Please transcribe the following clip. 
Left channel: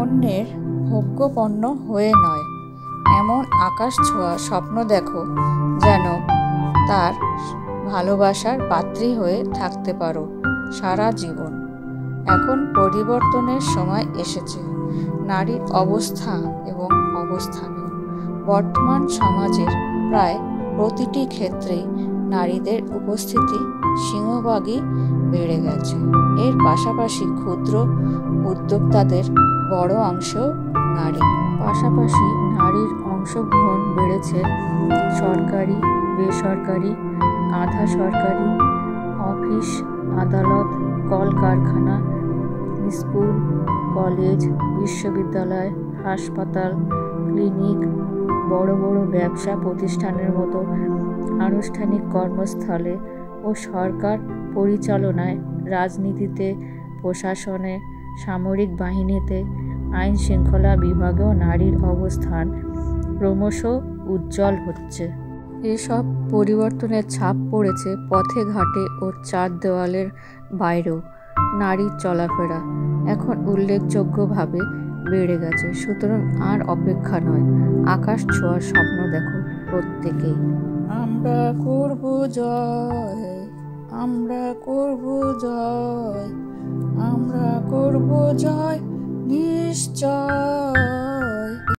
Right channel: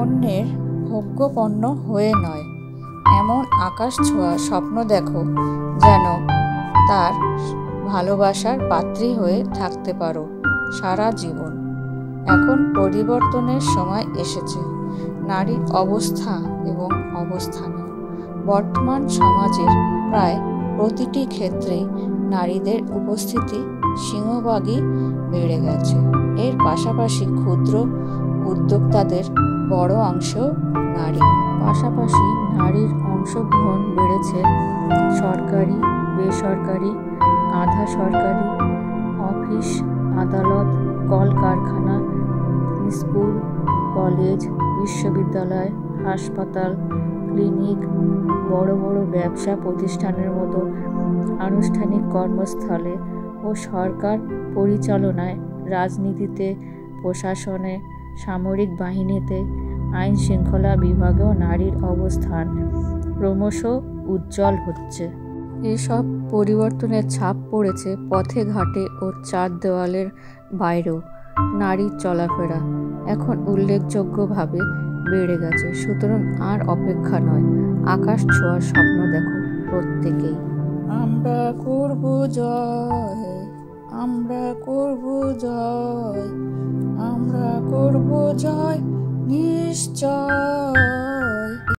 অন্যের ভোগ্যপণ্য হয়ে নয়, এমন আকাশ ছোঁয়া স্বপ্ন দেখো যেন তার ভালোবাসার পাত্রী হয়ে থাকতে পারো সারা জীবন। এখন পরিবর্তনের সময় এসেছে নারীর অবস্থা এবং অবস্থানে। বর্তমান সমাজের প্রায় প্রতিটি ক্ষেত্রেই নারীদের উপস্থিতি সিংহভাগই বেড়ে গেছে। এর পাশাপাশি ক্ষুদ্র উদ্যোক্তাদের বড় অংশ নারী। পাশাপাশি নারীর অংশগ্রহণ বেড়েছে সরকারি, বেসরকারি, আধা সরকারি, অফিস আদালত, কলকারখানা, স্কুল, কলেজ, বিশ্ববিদ্যালয়, হাসপাতাল, ক্লিনিক, বড় বড় ব্যবসা প্রতিষ্ঠানের মতো আনুষ্ঠানিক কর্মস্থলে ও সরকার পরিচালনায়, রাজনীতিতে, প্রশাসনে, সামরিক বাহিনীতে, আইন শৃঙ্খলা বিভাগেও নারীর অবস্থান ক্রমশ উজ্জ্বল হচ্ছে। এসব পরিবর্তনের ছাপ পড়েছে পথে ঘাটে ও চার দেওয়ালের বাইরেও। নারীর চলাফেরা এখন উল্লেখযোগ্যভাবে বেড়ে গেছে। সুতরাং আর অপেক্ষা নয়, আকাশ ছোঁয়ার স্বপ্ন দেখো প্রত্যেকেই। আমরা করব জয়, আমরা করব জয়, আমরা করব জয় নিশ্চয়।